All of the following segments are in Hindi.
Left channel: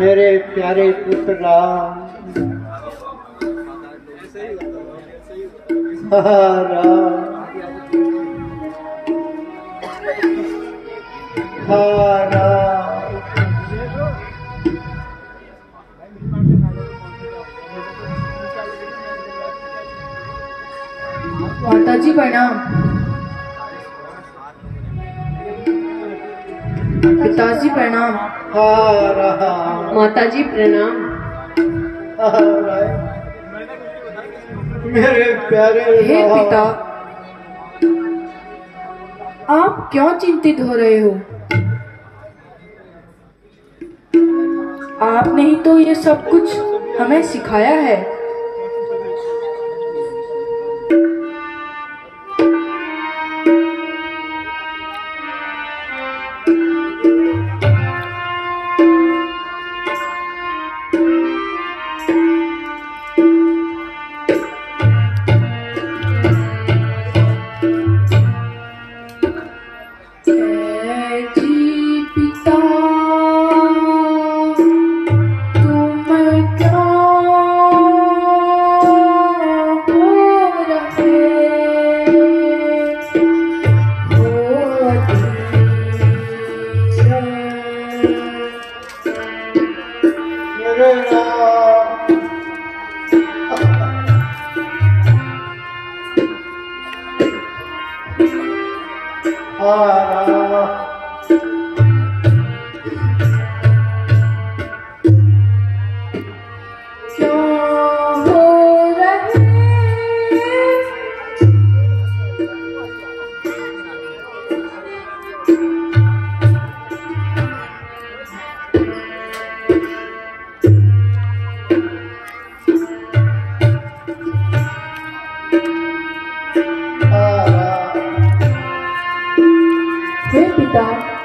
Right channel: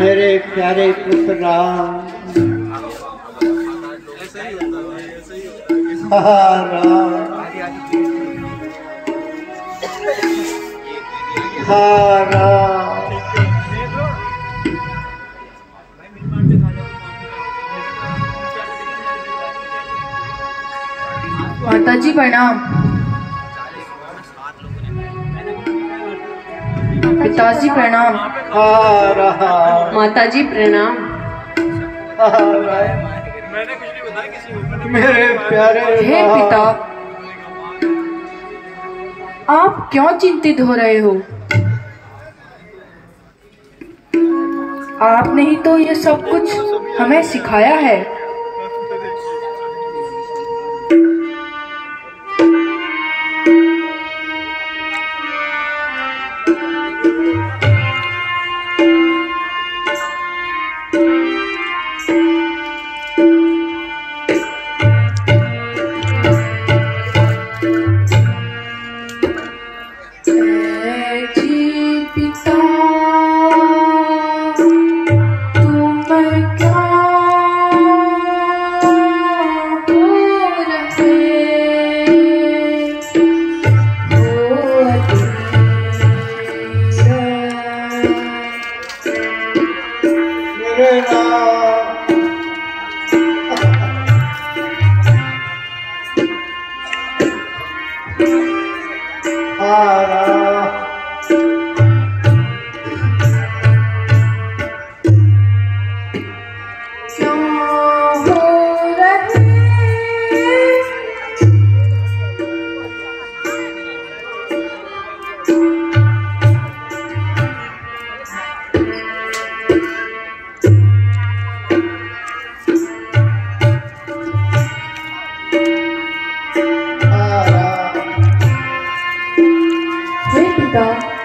मेरे प्यारे पुत्र राम, राम माताजी प्रणाम। पिताजी प्रणाम। माताजी प्रणाम। मेरे प्यारे हे पिता, आप क्यों चिंतित हो रहे हो? आपने ही तो ये सब कुछ हमें सिखाया है।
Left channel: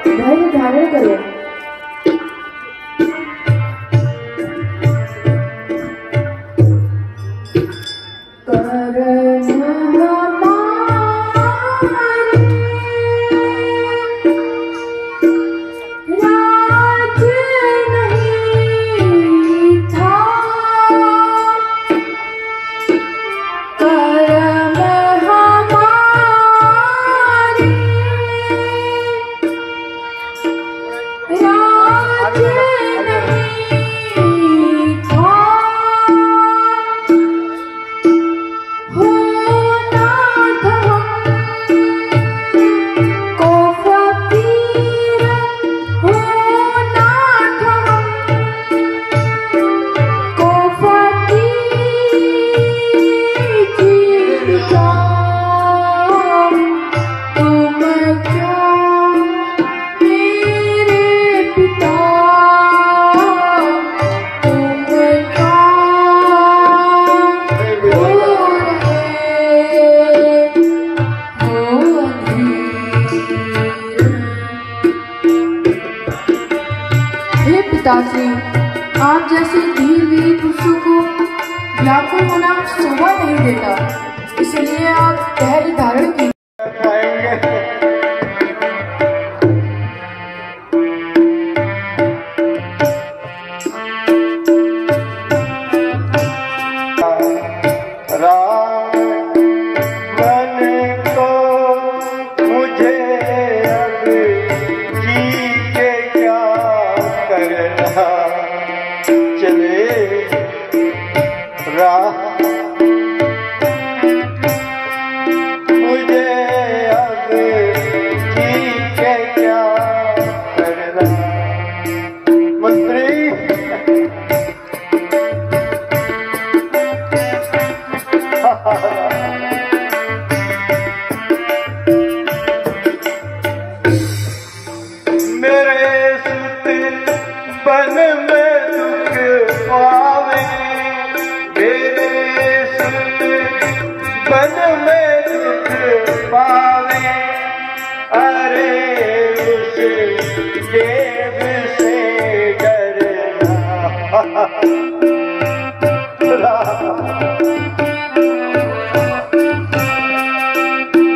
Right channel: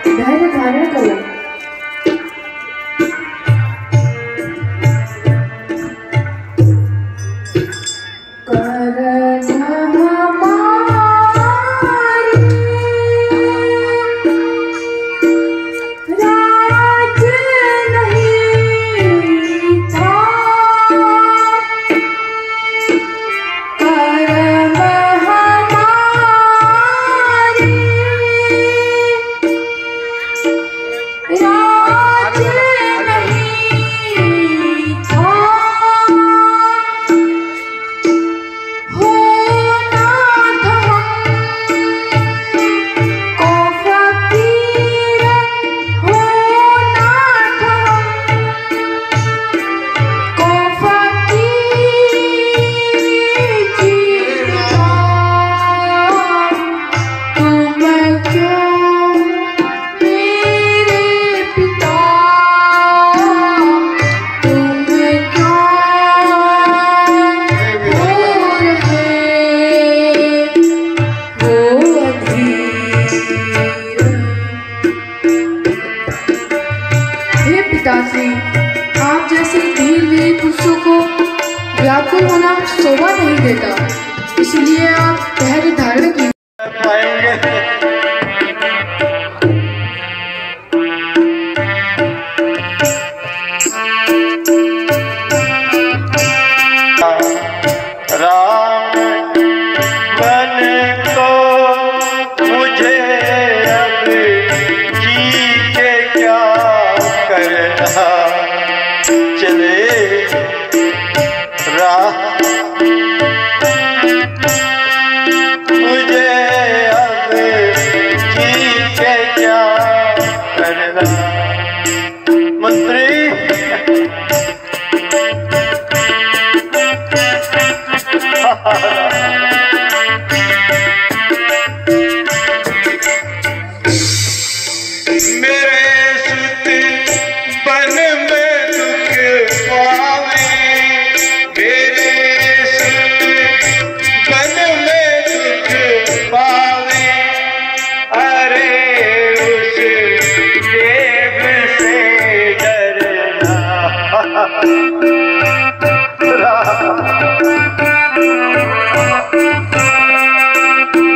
धैर्य धारण करो। पिताश्री, आप जैसे धीर पुरुषों को व्याकुल होना शोभा नहीं देता, इसलिए आप धैर्य धारण कीजिए।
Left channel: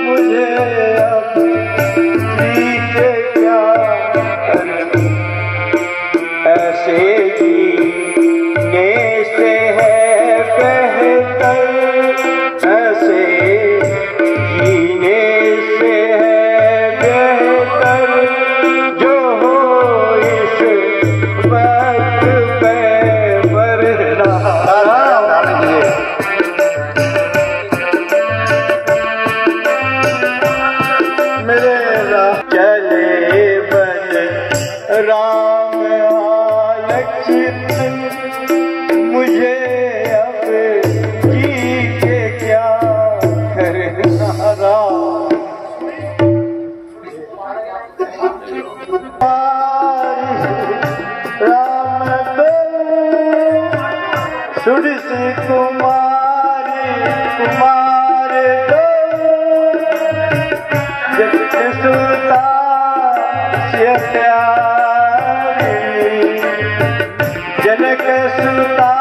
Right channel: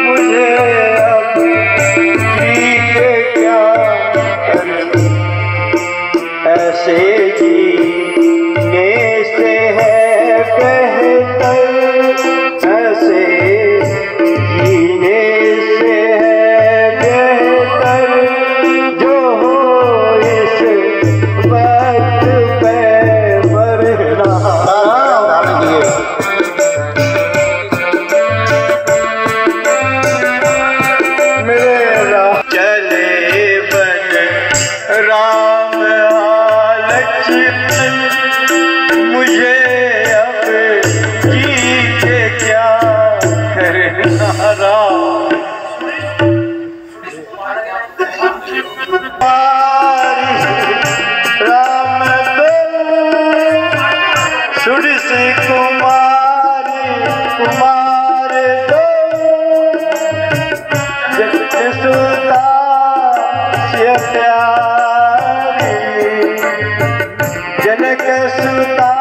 मुझे अब राम सुर से कुमारी कुमार सुता से प्यारी जनक सुता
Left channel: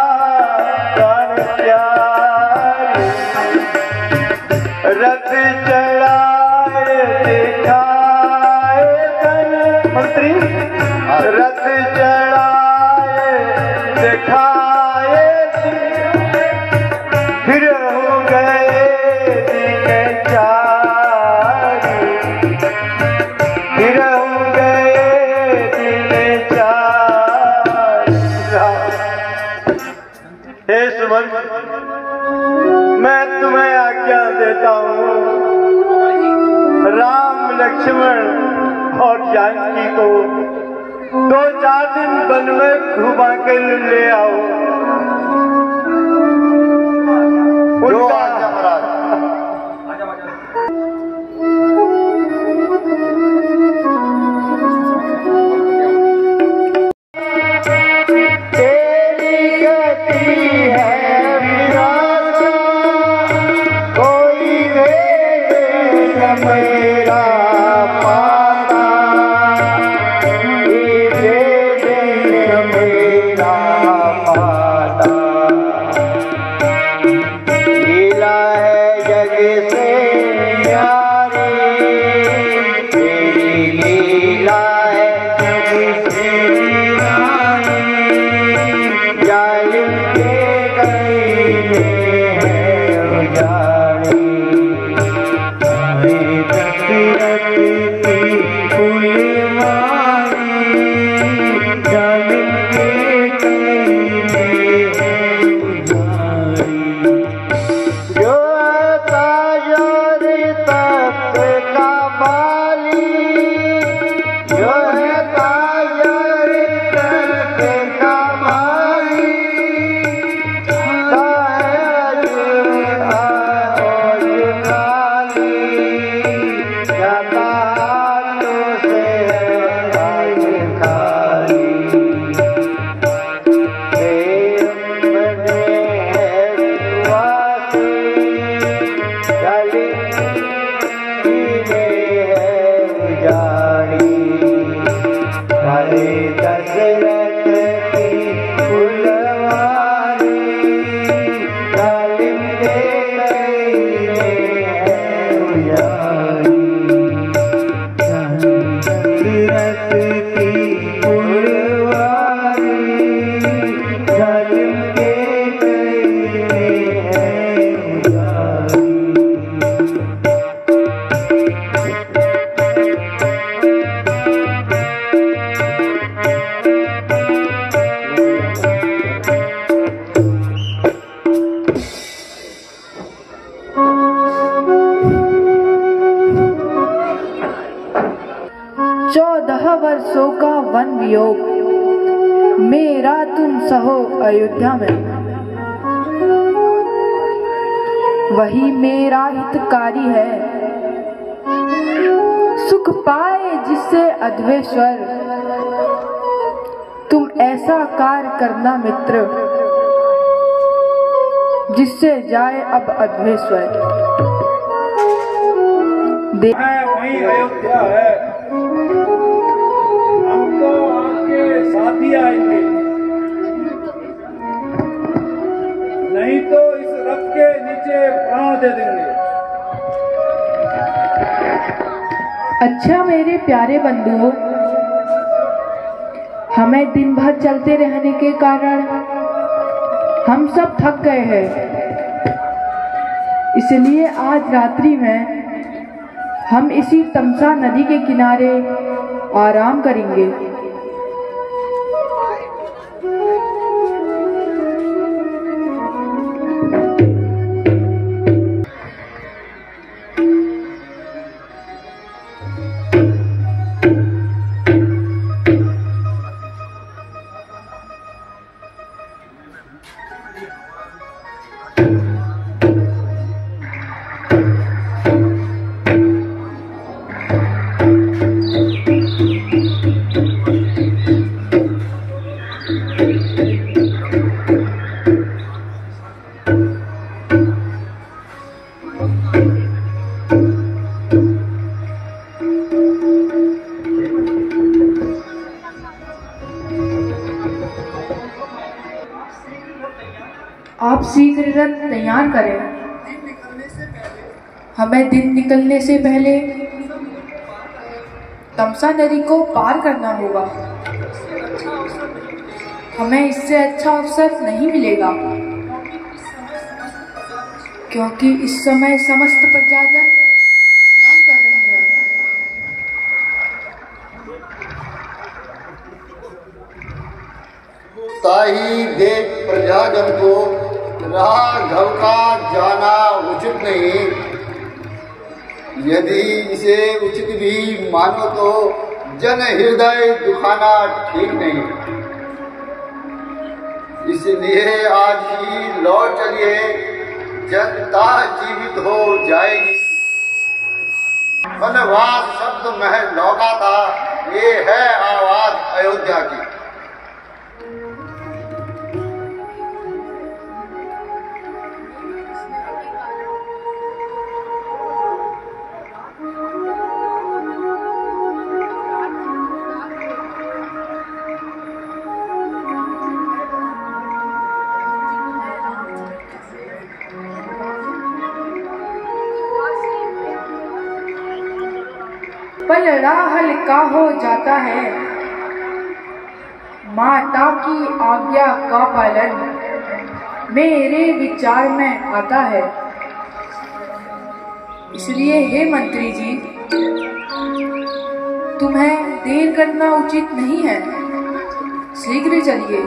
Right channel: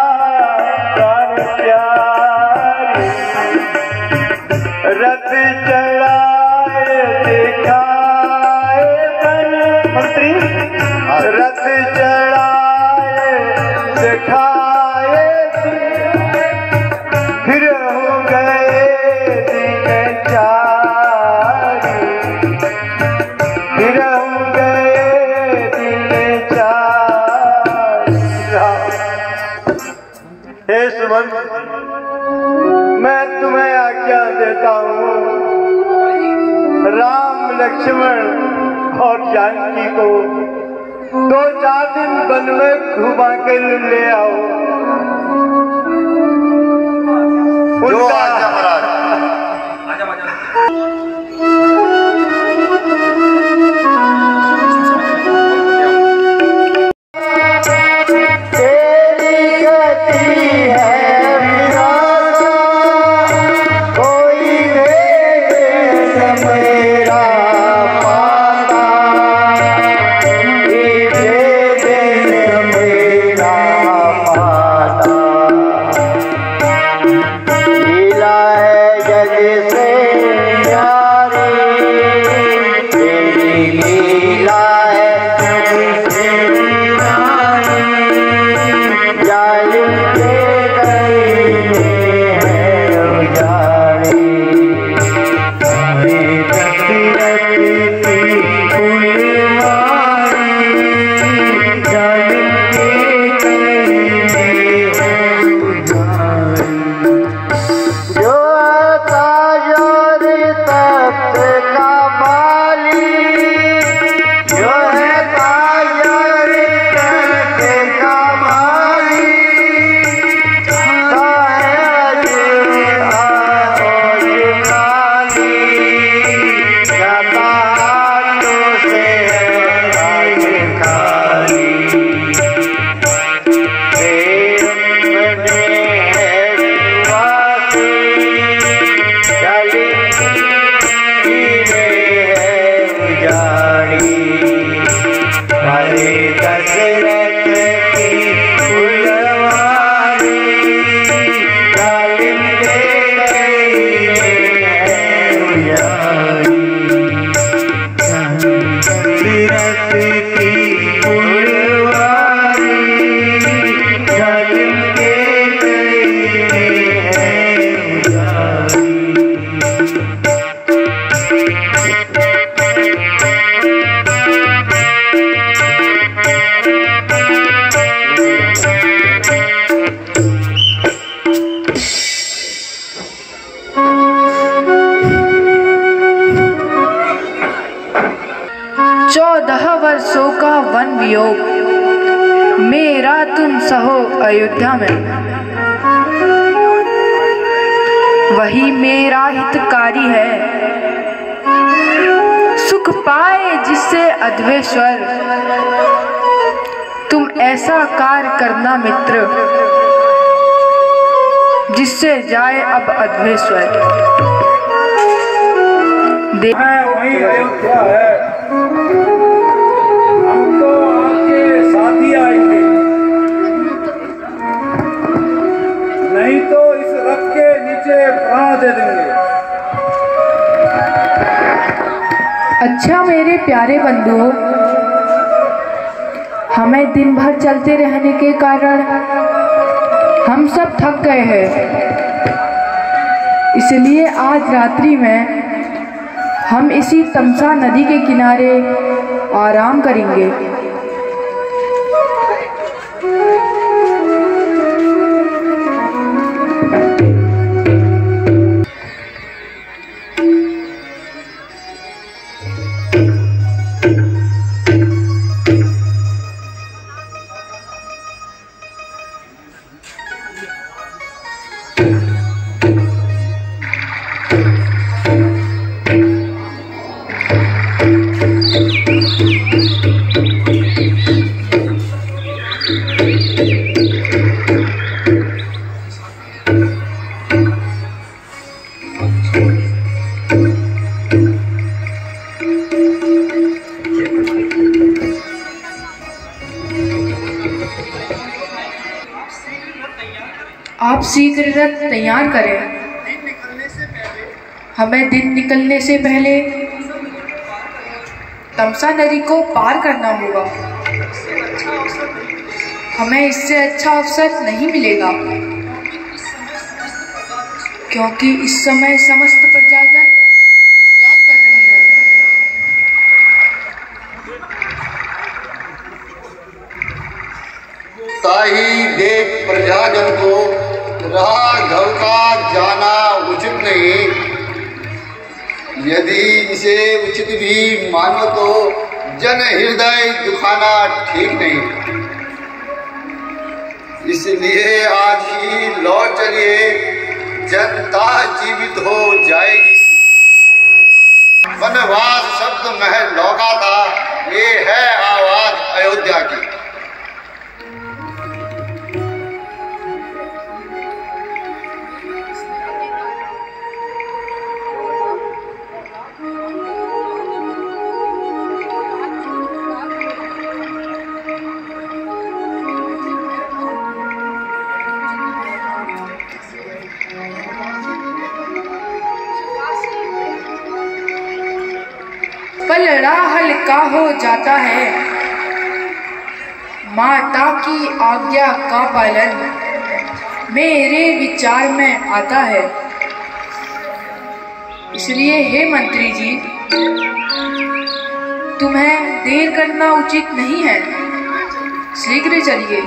प्राण प्यारी रथ चढ़ाए दिखाए मंत्री रथ चढ़ाए दिखाए फिर हो गए दिन चारी फिर हो गए दिन चारी। हे सुमन मैं तुम्हें आज्ञा देता हूँ राम लक्ष्मण और जानकी को 2-4 दिन वन में घुमा के ले आओ। उनका वर्षों का वन वियोग मेरा तुम सहो अयोध्या में, वही मेरा हितकारी है। सुख पाए जिससे अध्वेश्वर, तुम ऐसा कार्य करना मित्र जिससे जाए अब अध्वेश्वर। वही अयोध्या है, हम तो आपके साथ ही आएंगे, नहीं तो इस रथ के नीचे प्राण दे देंगे। अच्छा मेरे प्यारे बंधुओं, हमें दिन भर चलते रहने के कारण हम सब थक गए हैं, इसलिए आज रात्रि में हम इसी तमसा नदी के किनारे आराम करेंगे। शीघ्र रथ तैयार करें। हमें दिन निकलने से पहले तमसा नदी को पार करना होगा। हमें इससे अच्छा अवसर नहीं मिलेगा, क्योंकि इस समय समस्त प्रजाजन विश्राम कर रही है। ताही देख प्रजाजन को राह घलता जाना उचित नहीं। यदि इसे उचित भी मानो तो जन हृदय दुखाना ठीक नहीं। इसलिए आज ही लौट चलिए, जनता जीवित हो जाएगी। वनवास शब्द महल लौका था, ये है आवाज अयोध्या की। पलड़ा हल्का हो जाता है, माता की आज्ञा का पालन मेरे विचार में आता है। इसलिए हे मंत्री जी, तुम्हें देर करना उचित नहीं है, शीघ्र चलिए।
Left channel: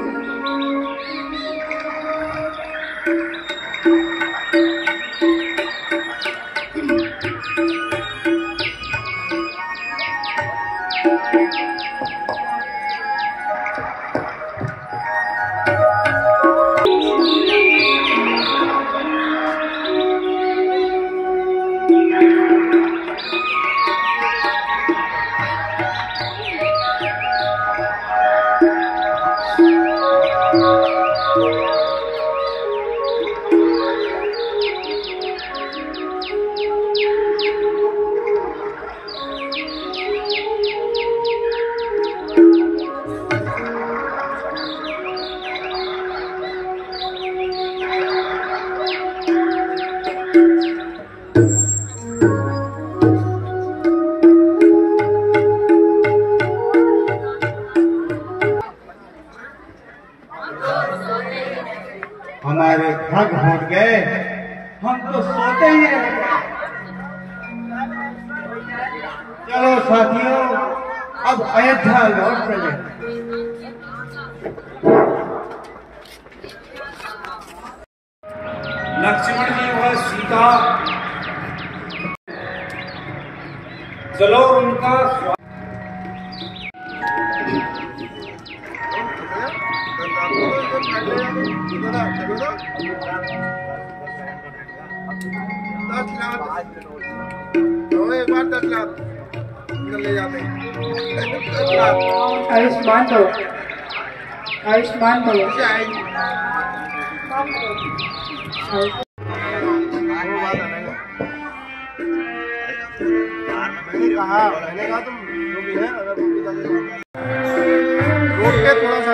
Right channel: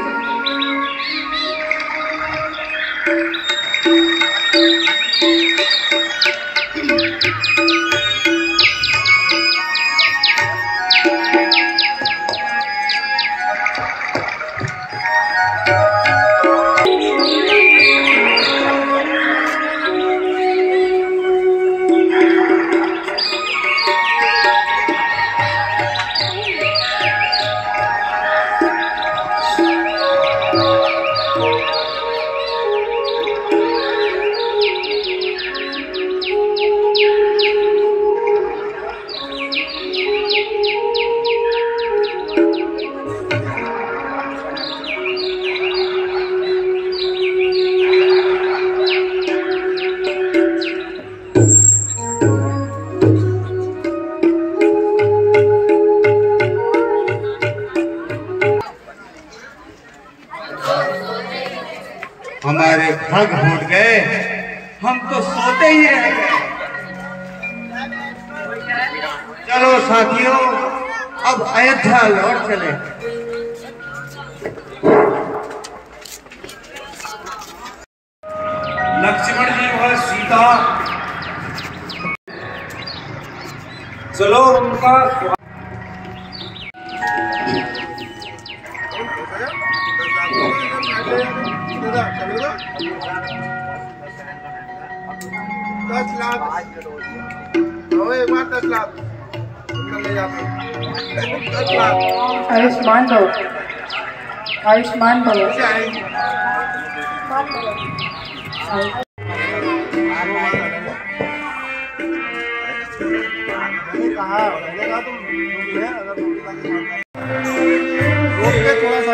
हमारे भाग फूट गए, हम तो सोते ही रह गए। चलो साथियों, अब अयोध्या लौट चले। लक्ष्मण जी व सीता, चलो उनका आयुष्मान भव, आयुष्मान भव। रोक के थोड़ा सा